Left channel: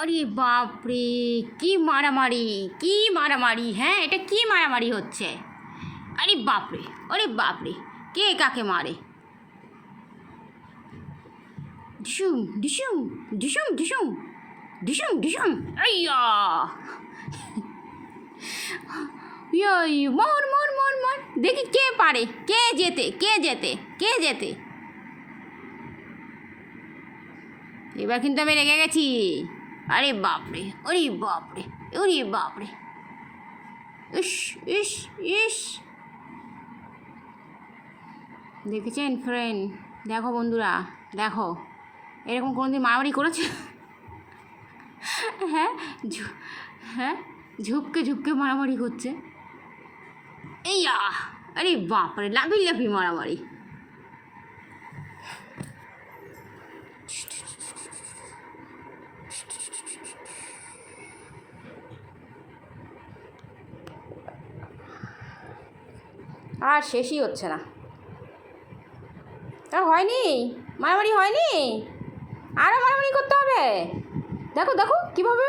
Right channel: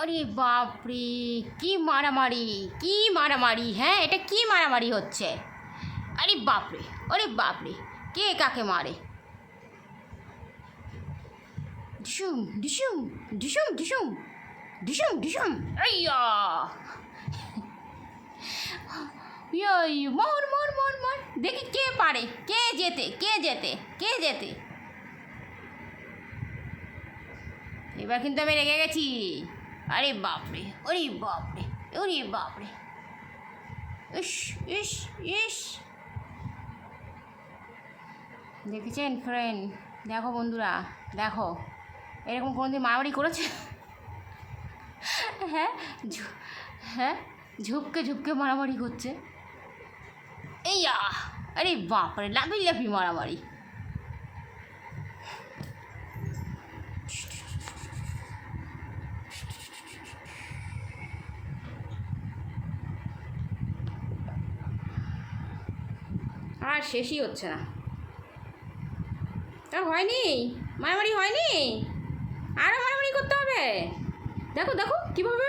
আরে বাপরে, কি মারামারি, কি মারামারি! হ্যাঁ, এটা কি মারামারি হচ্ছে? আরে বাপরে, আরে বাপরে, কে কাকে মারে? ডিসুম ডিসুম ডিসুম ডিসুম ডিসুম ডিসুম, আইয়া! মর মর মর মর, দেখি কে পারে, কে জেতে, কে জেতে, কে জেতে। এবার কিন্তু আমি রেগে গেছি। আরে বাপরে, ওরে বাপরে, ওরে বাপরে, ইস ইস ইস! দেখেছেন ফ্রেন্ড? দেখো বন্ধুরা, দেখো, এরকম কোনোদিন মারামারি করেছে? হ্যাঁ, হ্যাঁ, ঝুপকে ঝুপকে মারামারি করছে। এইয়া! আরে বাপরে, লাফি লাফি মারামারি। আর শেষই হচ্ছে না। তা হয়নি, মারামারি হয়নি, আরও মারামারি করতে হবে। দেখো দেখো কীভাবে